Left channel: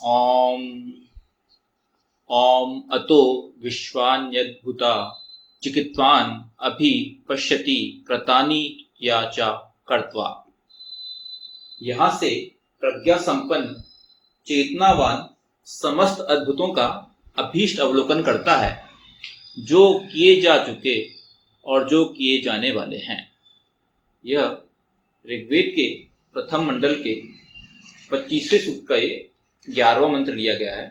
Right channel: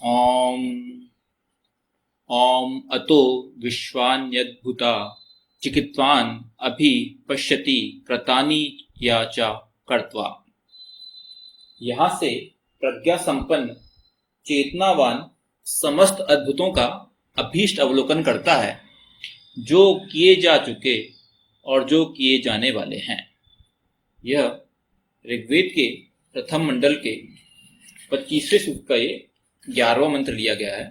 ॐ ॐ अतो विश्वान्यद्भुता चिकित्वान् अभि पश्यति कृतानि या च कर्त्वा। यहाँ से प्रज्ञा संपन्न चेतनावान समस्त अद्भुतों का अभीष्ट अवलोकन करता है, जो किए जा चुके और जो किए जाने वाले हैं। यह ऋग्वेद के प्रथम मंडल के 25वें सूक्त का ये 11वां मंत्र लिया गया है।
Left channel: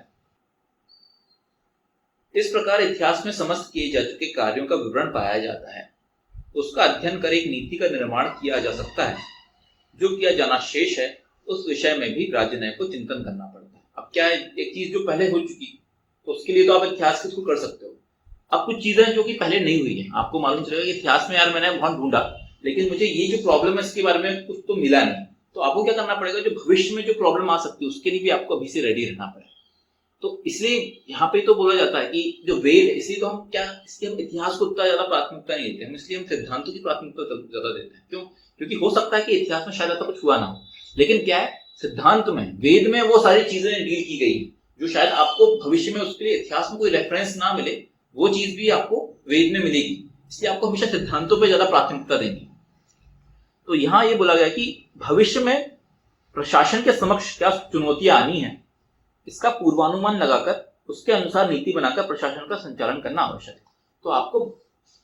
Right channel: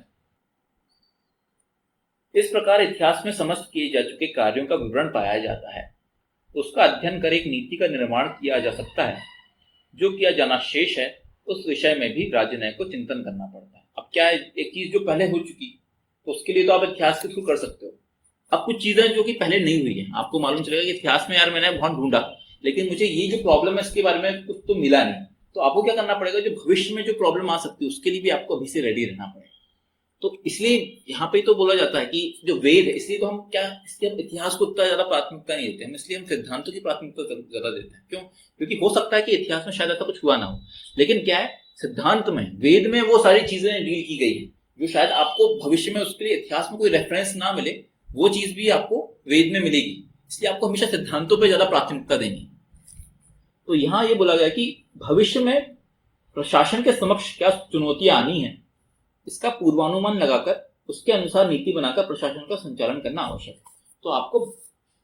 इस प्रकार इतिहास में समस्त किए जा चुके कार्यों का विवरण पाया जाता है। उसका अध्ययन कर एक नीति का निर्माण किया जा सकता है। जो किया जाना शेष है, उस विषय में भी राजनय को चिंतन करना पड़ता है। अब क्या है, एक चीज जो पहले हो चुकी तो उसके लिए तो आप इतिहास के थ्रू कर सकते हो। अब कुछ चीजें जो कि पहले नहीं हुई है, आपको मालूम चलेगा कि इतिहास में यार मैंने बहुत ढूंढा, लेकिन मुझे ये जो प्रॉब्लम है इसके बारे में कुछ तो मिला नहीं। तो आपको क्या करना पड़ेगा, जो भविष्य में जो प्रॉब्लम आ सकती है उसके लिए भी आपको अभी से रेडी रहना पड़ेगा। तो इसलिए यहाँ पे तो बोला जाता है कि जो वेद है, इसलिए तो हम क्या, इसलिए हम इतिहास को उतना ज्यादा प्राथमिकता नहीं देते, हम इसलिए हम सिद्धांतों की प्राथमिकता ज्यादा देते हैं। क्यों? क्योंकि हो सकता है कि इतिहास में शायद ऐसा कुछ हुआ ना हो, लेकिन क्या है, सिद्धांत में, वेद में वो सारी चीजें डील की गई है जो शायद आपको भविष्य में उसके लिए इतिहास में कोई रेफरेंस ना मिले, वो चीज भी आपको वेद में मिलेगी। इसलिए आपको हमेशा सिद्धांतों पर ज्यादा प्राथमिकता देनी। तो यहाँ ये बोला गया कि भविष्य में प्रशासन के समक्ष क्या चुनौतियां आनी है, इसका पूर्वानुमान लगाकर उसके अनुसार नीति बनाकर प्रशासन का संचालन करना आवश्यक है। तो आपको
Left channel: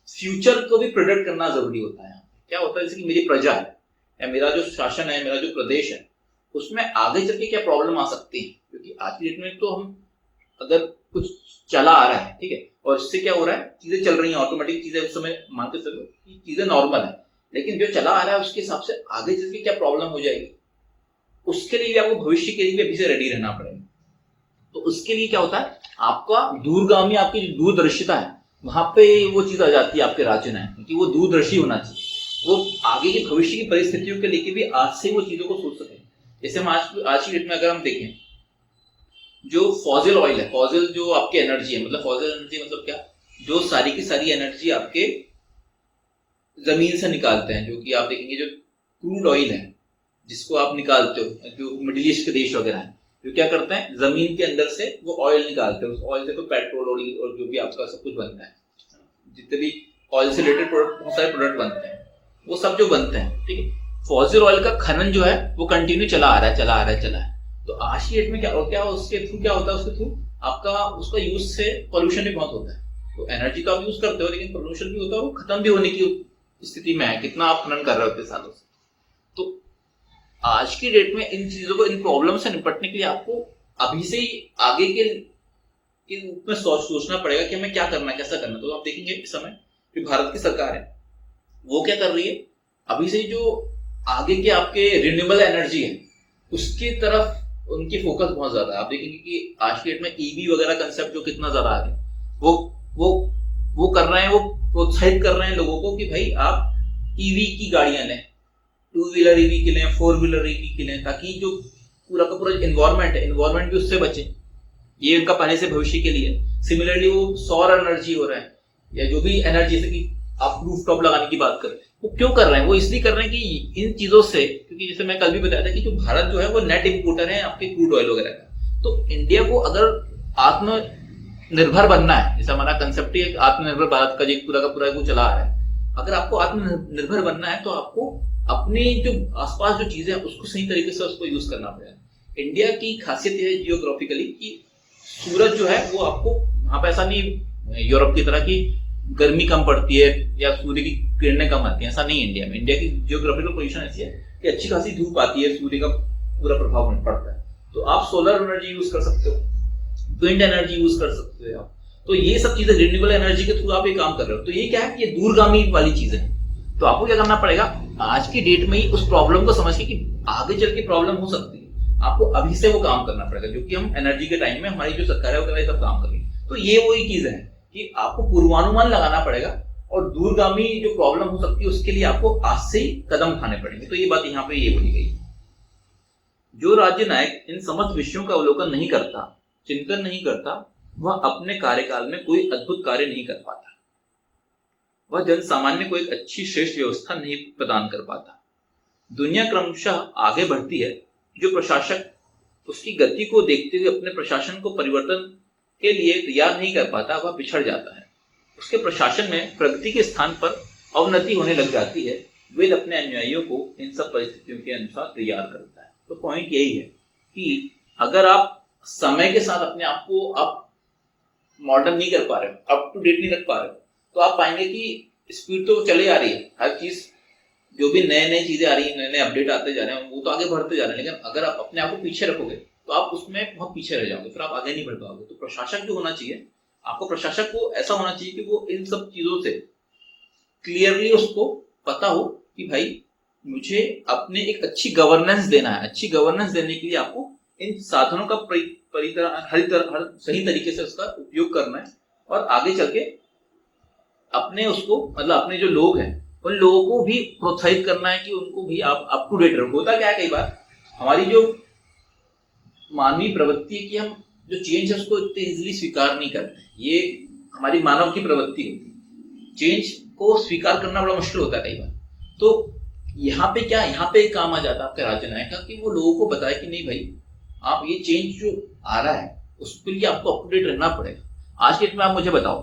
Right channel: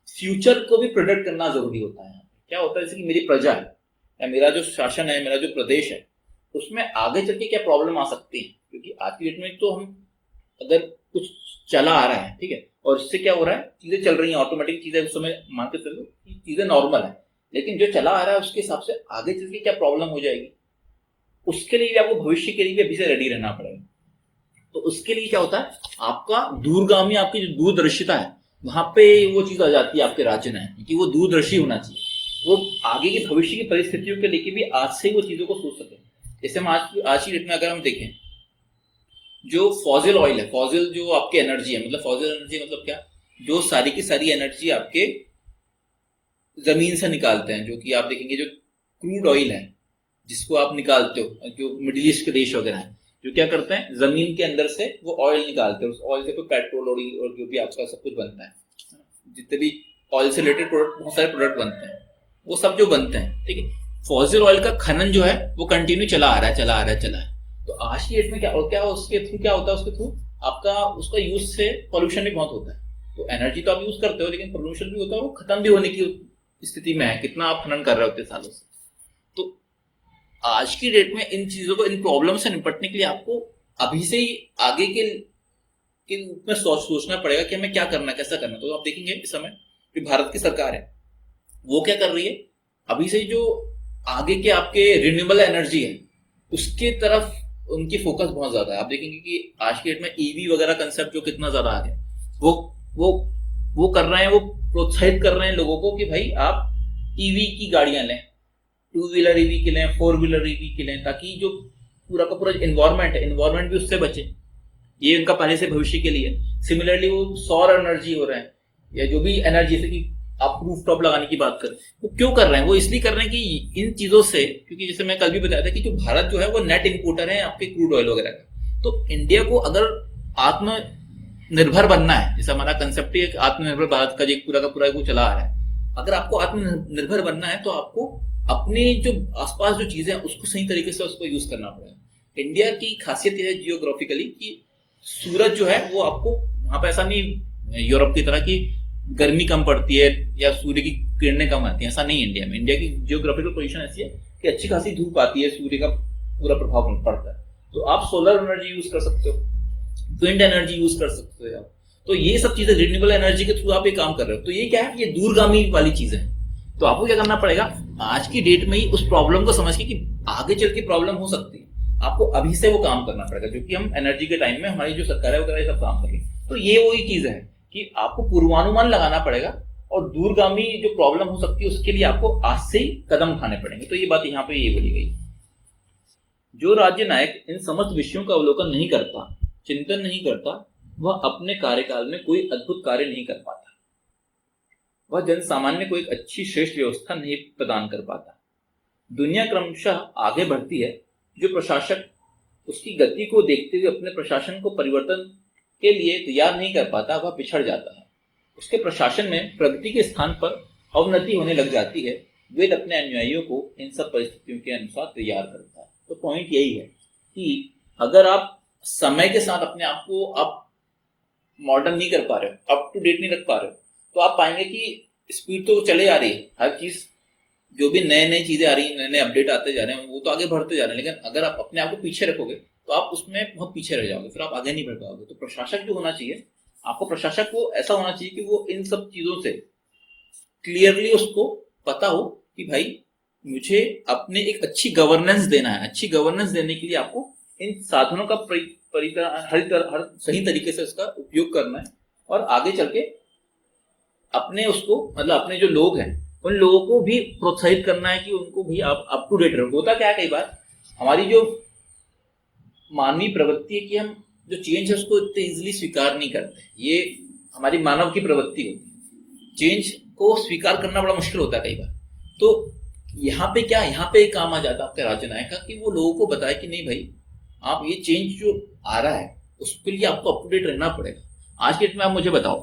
फ्यूचर को भी प्रेडिक्ट करना जरूरी होता है। क्या होता है, जैसे कि मेरी प्रजा है या मेरा जो शासन है, मेरा जो प्रदेश है, उसमें आगे चल के क्या प्रॉब्लम आ सकती है। क्योंकि आज की डेट में तो हम अगर कुछ चला आ रहा है, ठीक है, और इससे क्या हो रहा है, चीजें चल रही हैं, ऑटोमेटिक चीजें उस समय मान के चलो कि चीजें नॉर्मल है, लेकिन जो चला आ रहा है उसके हिसाब से आगे चल के क्या प्रॉब्लम हो जाएगी, उसके लिए भी आपको भविष्य के लिए भी अभी से रेडी रहना पड़ेगा। तो उसके लिए क्या होता है, आपका दूरगामी, आपकी जो दूरदर्शिता है, वहां पे वो चीज आ जाती है आपके राज्य में कि वो दूरदर्शी होना चाहिए। वो आगे की भविष्य की परिस्थितियों के लेके भी आज से वो चीजों को सोच सके। जैसे हम आज की डेट में अगर हम देखें, जो फॉसिल ऑयल है, फॉसिल जो आपकी एनर्जी है, मतलब फॉसिल एनर्जी मतलब क्या, जो सारी की सारी एनर्जी आपके जमीन से निकालते हैं, जो कि आप देखेंगे जो क्रूड ऑयल है जिसको आप निकालते हो, जो मिडिल ईस्ट के देश वगैरह है, जो क्या करते हैं, जमीन के अंदर से वो ऑयल निकालते हैं। उस ऑयल से तो पेट्रोल और जो भी आपका सब कुछ बनता है, जितने भी ऑयल से रिलेटेड प्रोडक्ट, बहुत सारे प्रोडक्ट बनते हैं, वो सब जो बनते हैं, ठीक है। फॉसिल ऑयल का खनन जो है वो कंटिन्यू चला आ रहा है, चला आ रहा है, चला है। तो आज की डेट में क्या उसके थ्रू क्या होता है, उसके थ्रू आपका उसका यूज से पॉल्यूशन भी बहुत होता है। तो एनर्जी तो आप यूज करते हो, लेकिन पॉल्यूशन भी होता है, वो खत्म भी होने की स्थिति में है, कितना आप खनन कर रहे होते सालों से। तो आज की डेट में इन चीजों को, इन प्रॉब्लम से निपटने के लिए आपको अभी से ही आगे के रूप में सोचना पड़ेगा कि हमें क्या करना है, कैसा करना है। तो आप देखेंगे इस समय जो भारत की सरकार है वो क्या कर रही है, अभी से जो आगे के आपके रिन्यूएबल एनर्जी है उसके तरफ उनकी फोकस बहुत ज्यादा है। आप देखेंगे कि आज की डेट में ईवी वगैरह कंसेप्ट जो कितना ज्यादा आ गया, वो वो वो कर रहे हैं, वो प्रोत्साहित कर रहे हैं लोगों को कि भाई आप ईवी की गाड़ियां लें, 2 व्हीलर ईवी के लें, 4 व्हीलर ईवी के लें, ताकि जो पूरा का पूरा इन्वायरमेंट है, इन्वायरमेंट भी उससे बचे। ये उनका पहले से भविष्य के लिए। सिमिलरली वो सौर एनर्जी हो रहा है, या जो भी एनर्जी, जैसे कि आप रूफटॉप लगाने की बात करें, वो क्यों कर रहे हैं, वो इसलिए कर रहे हैं कि इन चीजों से, क्योंकि जैसे मैं कल भी बताया था कि जो भारत जो है वो नेट इंपोर्टर है आपके क्रूड ऑयल वगैरह का। तो इंडिया को अगर आत्मनिर्भर बनना है, जैसे हमारा कंसेप्ट है आत्मनिर्भर भारत का, जो पूरा का पूरा वो चला आ रहा है, अगर आपको आत्मनिर्भर बनना है तो आपको अपने जो आसपास जो चीजें हैं उसको सही तरीके से उसको यूज करना पड़ेगा। इंडिया की खासियत यह है जियोग्राफिकली कि सूरज जो है वो आपको वहां पे, ऐसा नहीं यूरोप की तरह की गर्मी कम पड़ती है या सूर्य की किरणें कम आती है, ऐसा नहीं। इंडिया में, इंडिया की जियोग्राफिकल पोजीशन ऐसी है कि अच्छी खासी धूप आती है, सूर्य का पूरा प्रभाव पड़ता है। तो आप सोलर एनर्जी यूज कर सकते हो, विंड एनर्जी यूज कर सकते हो। तो ये सब चीजें रिन्यूएबल एनर्जी के थ्रू आप ये काम कर रहे हो। तो ये क्या है, ये दूरगामी वाली चीजें हैं। तो आपको क्या करना पड़ेगा, आज की डेट में ही उस प्रॉब्लम को समझ के कि आगे चल के प्रॉब्लम हो सकती है, आपको अभी से वो काम करना पड़ेगा, जो कि हम एनर्जी के टाइम में हमारी जो सरकार है वो सब काम कर रही है। तो ये वही चीज है कि आपको पूर्वानुमान लगाना पड़ेगा, और दूरगामी जो प्रॉब्लम हो सकती है उसके लिए आपको आज से ही कदम उठाने पड़ेंगे। तो ये बात यहाँ पे ये बोली गई, जो राज्य नायक इन समस्त विषयों का अवलोकन नहीं करता, चिंतन नहीं करता, वह अपने कार्यकाल में कोई अद्भुत कार्य नहीं कर पाता। वह जन सामान्य को एक अच्छी श्रेष्ठ व्यवस्था नहीं प्रदान कर पाता। दुनिया क्रमशः आगे बढ़ती है, जो प्रशासक उसकी गति को देखते हुए अपने प्रशासन को परिवर्तन के लिए तैयार नहीं कर पाता, वह पिछड़ जाता है। उसके प्रशासन में प्रगति के स्थान पर अवनति होने लग जाती है। वेद अपने अनुयायियों को इन सब परिस्थितियों के अनुसार तैयार करता है। तो पॉइंट यही है कि अगर आप समय के साथ अपने आप को आप मॉडर्न नहीं कर पा रहे हो, अप टू डेट नहीं रख पा रहे हो, तो आप पाएंगे कि स्पीड तो चले आ रही है, हर चीज जो भी नए नए चीजें आ रही हैं, नए नए अपडेट आते जा रहे हैं, वो तो आगे बढ़ते जा रहे हैं। लेकिन अगर आप अपने आप को पीछे रखोगे तो आप उसमें बहुत पीछे रह जाओगे, फिर आप आगे नहीं बढ़ पाओगे। तो प्रशासक जो होना चाहिए, आपको प्रशासक को ऐसा होना चाहिए कि वो इन सब चीजों से क्लियरली उसको पता हो कि भाई मुझे अपने एक अच्छी गवर्नेंस देना है। अच्छी गवर्नेंस देने के लिए आपको इन साधनों का हर सही तरीके से उसका उपयोग करना है और आगे चल के अपने उसको मतलब अपने जो लोग हैं उन लोगों को भी प्रोत्साहित करना है कि उनको भी आप अप टू डेट रखो। होता क्या है, कई बार हमारी जो मानवीय प्रवृत्ति है कि हम जो चेंज है उसको इतने इजीली स्वीकार नहीं करते। ये हमारी मानव की प्रवृत्ति होती है, चेंज को स्वीकार करना बड़ा मुश्किल होता है कई बार। तो यहाँ पे क्या, यहाँ पे काम आ जाता है आपके राज्य नायक का कि वो लोगों को बताए कि नहीं भाई, आप ये चेंज जो आ रहा है उसके लिए आपको अप टू डेट रहना पड़ेगा। आज के डेट में आप मुझे बताओ,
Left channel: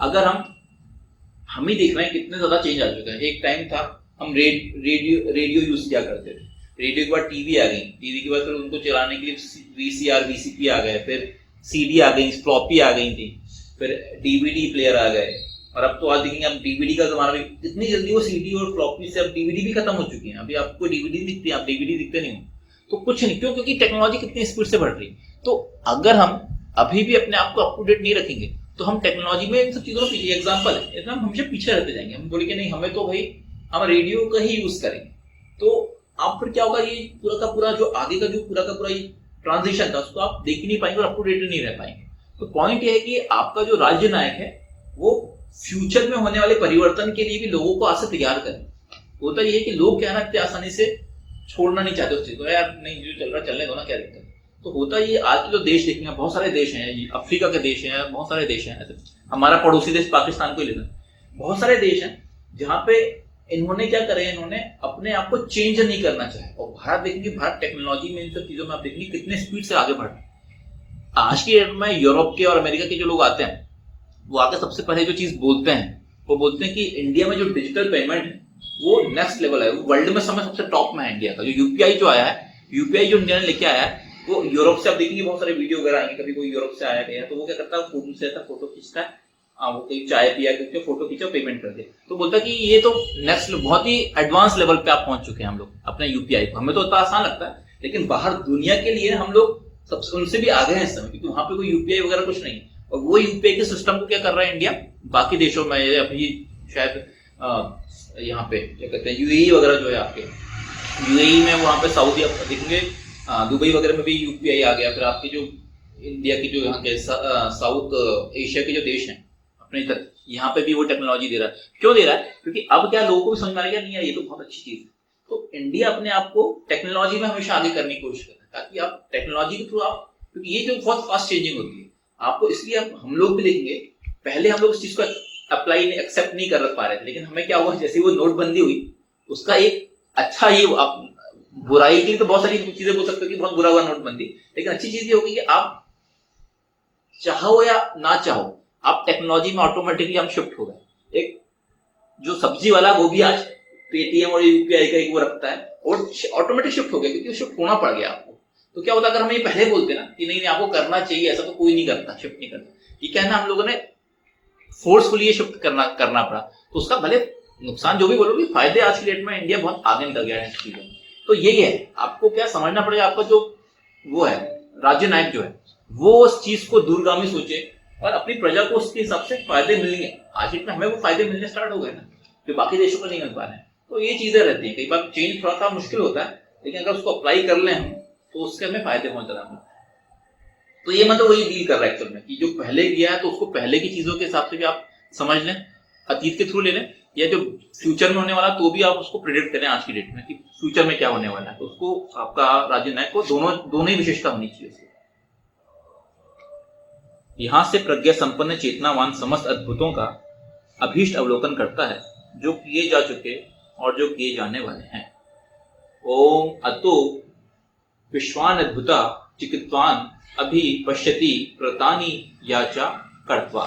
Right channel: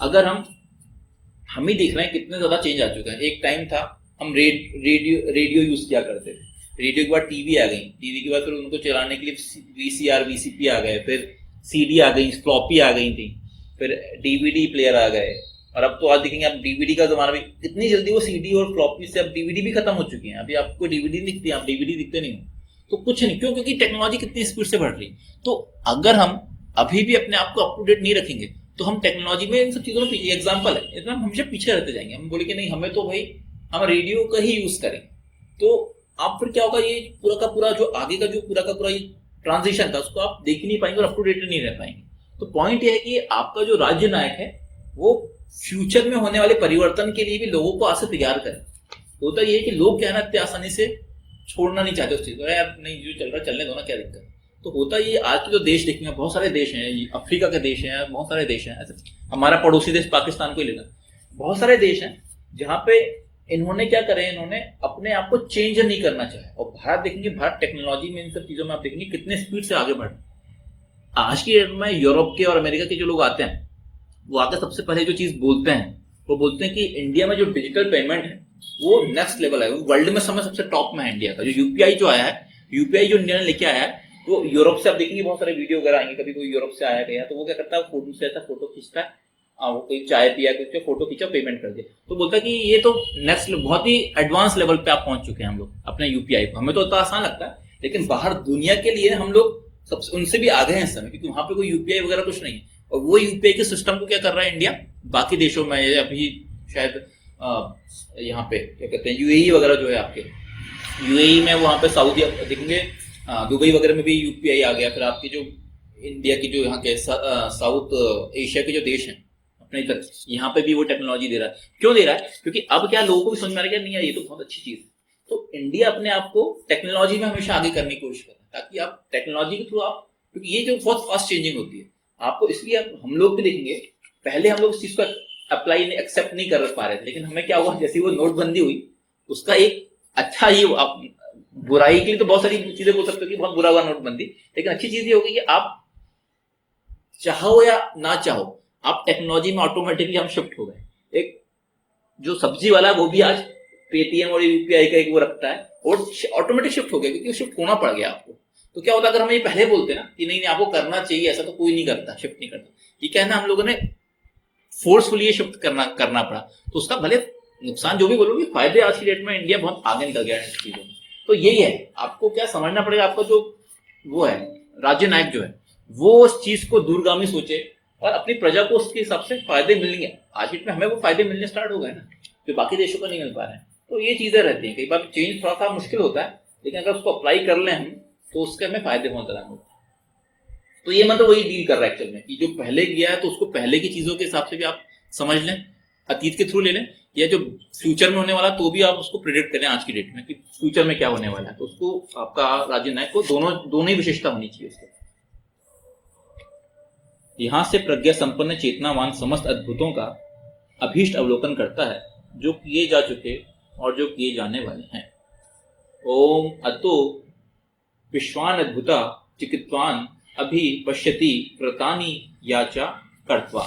अगर हम ही देख रहे हैं कितने ज्यादा चेंज आ चुका है। एक टाइम था हम रेडियो यूज किया करते थे, रेडियो के बाद टीवी आ गई, टीवी के बाद फिर उनको चलाने के लिए वीसीआर वीसीपी आ गए, फिर सीडी आ गई, फ्लॉपी आ गई थी, फिर डीवीडी प्लेयर आ गए, और अब तो आज देखेंगे आप डीवीडी का जमाना भी इतनी जल्दी, वो सीडी और फ्लॉपी से अब डीवीडी भी खत्म हो चुकी है। अभी आपको डीवीडी दिखती है, आप डीवीडी दिखते नहीं हो, तो कुछ नहीं। क्यों? क्योंकि टेक्नोलॉजी कितनी स्पीड से बढ़ रही है। तो अगर हम अभी भी अपने आप को अप टू डेट नहीं रखेंगे तो हम टेक्नोलॉजी में इन सब चीजों में पीछे, एग्जाम्पल है, इतना हम हमेशा पीछे रहते जाएंगे। हम बोलेंगे नहीं, हमें तो भाई हम रेडियो का ही यूज करेंगे, तो आप फिर क्या होगा, ये पूरा का पूरा जो आगे का जो पूरा का पूरा ये ट्रांजिशन था उसको आप देख ही नहीं पाएंगे और अप टू डेट नहीं रह पाएंगे। तो पॉइंट ये है कि आपका जो राज्य नायक है वो फ्यूचर में होने वाले परिवर्तन के लिए भी लोगों को आज से तैयार करें। होता ये है कि लोग क्या है ना, इतने आसानी से छोड़ना नहीं चाहते उस चीज को, यार नहीं जो चल रहा चलने दो ना, क्या दिक्कत। तो होता ये, आज के जो देश देखेंगे, बहुत सारे देश हैं, अफ्रीका के देश हैं, बहुत सारे देश हैं, ऐसे हमारा पड़ोसी देश पाकिस्तान को ही लेना, बहुत सारे देश हैं जहाँ पे इन्होंने क्या करे, इन्होंने अपने आप को चेंज नहीं करना चाहे। और भारत देखेंगे, भारत टेक्नोलॉजी में इन सब चीजों में आप देखेंगे कितने स्पीड से आगे बढ़ रहे हैं। आज की डेट में यूरोप के और अमेरिका के जो लोग आते हैं वो आके सबसे पहले जो चीज बोलते हैं वो बोलते हैं कि इंडिया में जो डिजिटल पेमेंट है वो नेक्स्ट लेवल है, वर्ल्ड में सबसे टॉप में है इंडिया का। जो यूपीआई जो आया है, यूपीआई जो इंडिया ने लेके आया है, वो यूरोप से आप देखेंगे बहुत सारे वीडियो वगैरह आएंगे, कभी कोई यूरोप से आया गया तो वो क्या करता है, फोन से ऐसा फोटो खींचता है, वो कोई चाय पिया करके फोटो खींचा, पेमेंट कर दिया, तो बोलता है कि ये तो नेक्स्ट बहुत ही एडवांस लेवल पे आप पहुंच चुके हैं हम लोग अपने यूपीआई को। हमें तो इतना आसान लगता है, लेकिन बाहर दुनिया के लिए हम लोग सबसे उनसे भी आगे हैं इस समय, क्योंकि वहां पे कोई यूपीआई वगैरह कुछ नहीं है। और वो यूपीआई के सिस्टम को क्या कर रहा है इंडिया, बाकी देशों में अभी शायद यहाँ पे क्या कहते हैं, यूएई वगैरह जो है, आपके यूएई में वहाँ पे सऊदी देखेंगे, दुबई वगैरह में भी यूपीआई आ गया। फिर आपके जो इंडिया की जो यहाँ के साउथ एशिया के जो देश हैं अपने इधर, यहाँ पे भी वो टेक्नोलॉजी दे रहा है। क्यों दे रहा है? क्योंकि अब क्या लोगों को भी समझ में आ रहा है, नहीं यार ये तो बहुत अच्छी चीज है। तो इंडिया अपने आप को टेक्नोलॉजी में हमेशा आगे करने की कोशिश कर रहा है, ताकि आप टेक्नोलॉजी के थ्रू आप, क्योंकि ये जो बहुत फास्ट चेंजिंग होती है आपको, इसलिए हम लोग भी देखेंगे पहले हम लोग इस चीज को अप्लाई एक्सेप्ट नहीं कर पा रहे थे, लेकिन हमें क्या हुआ, जैसे वो नोटबंदी हुई उसका एक अच्छा ही, आप बुराई के लिए तो बहुत सारी चीजें बोल सकते हो कि बहुत बुरा हुआ नोटबंदी, लेकिन अच्छी चीज ये होगी कि आप चाहो या ना चाहो आप टेक्नोलॉजी में ऑटोमेटिकली हम शिफ्ट हो गए। एक जो सब्जी वाला वो भी आज पेटीएम और यूपीआई का एक वो रखता है और ऑटोमेटिक शिफ्ट हो गया, क्योंकि शिफ्ट होना पड़ गया आपको। तो क्या होता अगर हम ये पहले बोलते ना कि नहीं नहीं आपको करना चाहिए, ऐसा तो कोई नहीं करता, शिफ्ट नहीं करता, ये क्या है ना, हम लोगों ने फोर्सफुली शिफ्ट करना पड़ा, तो उसका भले नुकसान जो भी बोलोगे, फायदे आज की डेट में इंडिया बहुत आगे निकल गया है इस चीजों में। तो यही है, आपको क्या समझना पड़ेगा, आपका जो वो है राज्य नायक जो है वो उस चीज को दूरगामी सोचे और अपनी प्रजा को उसके हिसाब से फायदे मिलेंगे। आज की डेट में हमें वो फायदे मिलने स्टार्ट हो गए ना, जो बाकी देशों को नहीं मिल पा रहे हैं। तो ये चीजें रहती हैं, कई बार चेंज थोड़ा सा मुश्किल होता है, लेकिन अगर उसको अप्लाई कर लें हम तो उसके हमें फायदे बहुत ज्यादा मिलते हैं। तो ये मतलब वही डील कर रहा है एक्चुअल में, कि जो पहले किया है तो उसको पहले की चीजों के हिसाब से भी आप समझ लें, अतीत के थ्रू ले लें, या जो फ्यूचर में होने वाला तो भी आप उसको प्रेडिक्ट करें आज की डेट में कि फ्यूचर में क्या होने वाला है। तो उसको आपका राज्य नायक को दोनों ही विशेषता होनी चाहिए उसके। यहां से प्रज्ञा संपन्न चेतनावान समस्त अद्भुतों का अभीष्ट अवलोकन करता है, जो किए जा चुके और जो किए जाने वाले हैं। ओम अतो विश्वान अद्भुता चिकित्वान् अभि पश्यति कृतानि याचा कृत्वा।